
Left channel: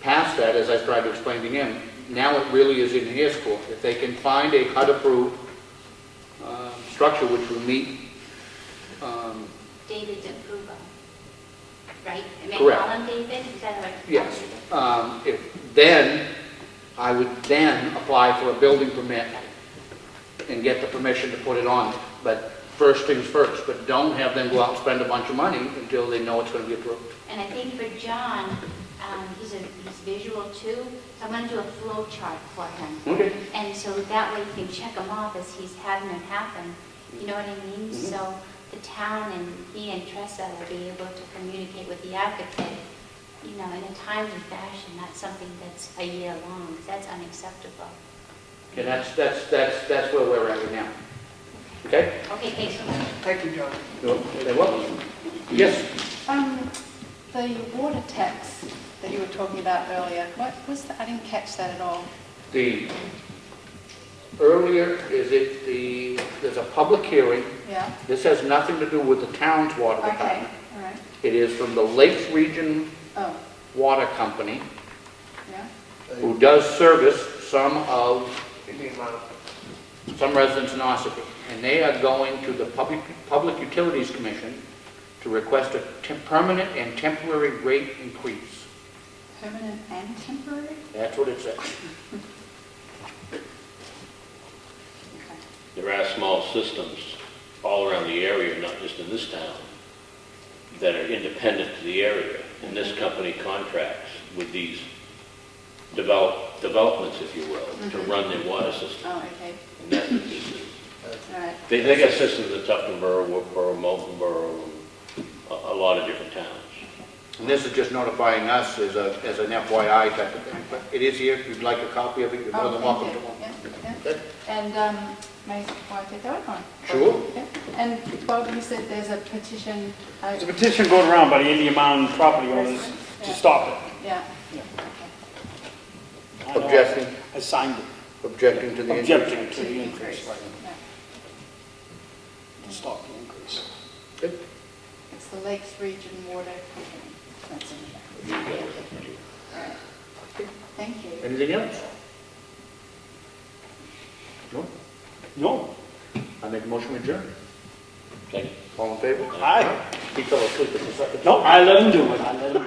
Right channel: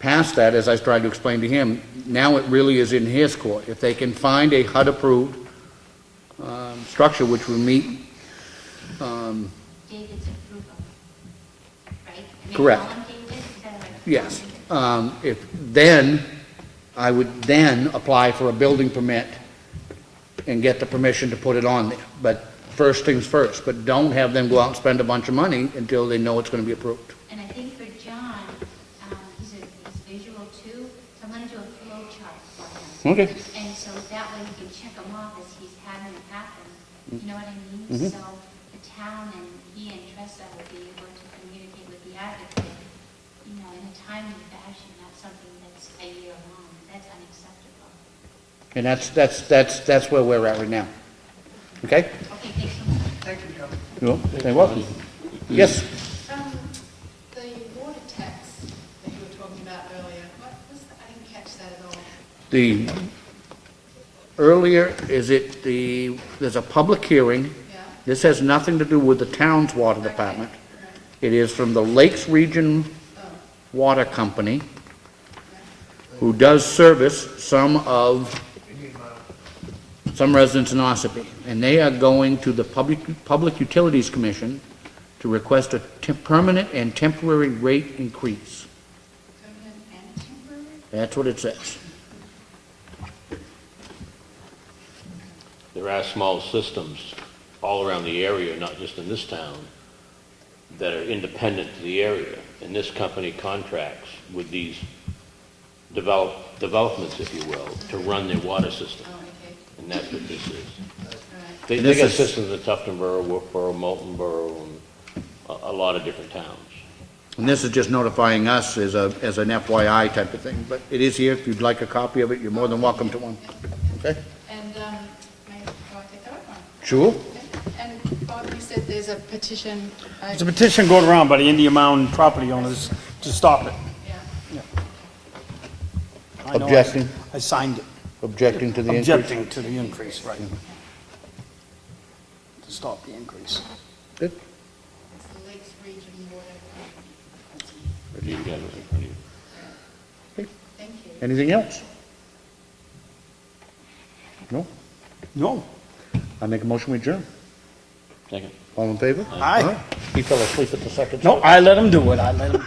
Past that, as I tried to explain to him, now it really is in his court. If they can find a HUD-approved structure which will meet, David's approval, right? Am I Correct. calling David? Is that right? yes, then I would then apply for a building permit and get the permission to put it on there. But first things first, but don't have them go out and spend a bunch of money until they know it's going to be approved. And I think for John, he's visual too, so I'm going to do a flow chart for him. Okay. And so that way you can check them off as he's having it happen. You know what I mean? Mhm. So the town and he and Tressa will be able to communicate with the advocate, you know, in a timely fashion, not something that's a year long. That's unacceptable. And that's where we're at right now. Okay? Okay, thanks so much. Thank you, John. You're welcome. Yes? The water tax that you were talking about earlier, what was that? I didn't catch that at all. There's a public hearing. Yeah? This has nothing to do with the town's water Okay, department. all right. It is from the Lakes Region Oh, Water Company, yeah? who does service some residents in Ossipee. And they are going to the Public Utilities Commission to request a permanent and temporary rate increase. Permanent and temporary? That's what it says. There are small systems all around the area, not just in this town, that are independent to the area. And this company contracts with these developments, if you will, to run their water system. Oh, okay, And that's what this is. all right. They got systems in Tuftonboro, Moultonboro, and a lot of different towns. And this is just notifying us as an FYI type of thing, but it is here. If you'd like a copy of it, you're more than welcome to one. Yeah, yeah. Okay? And, may I take that one? Sure. Okay. And Bob, you said there's a petition. There's a petition going around by the Indian Mound property owners to stop it. Yeah. I know Objecting, I signed it, objecting to the increase. objecting to the increase, right? To stop the increase. Good. It's the Lakes Region Water. That's it. Review that with everybody. Thank you. Anything else? No? No. I make a motion, we adjourn. Second. All in favor? Aye. He fell asleep at the second. No, I let him do it, I let him.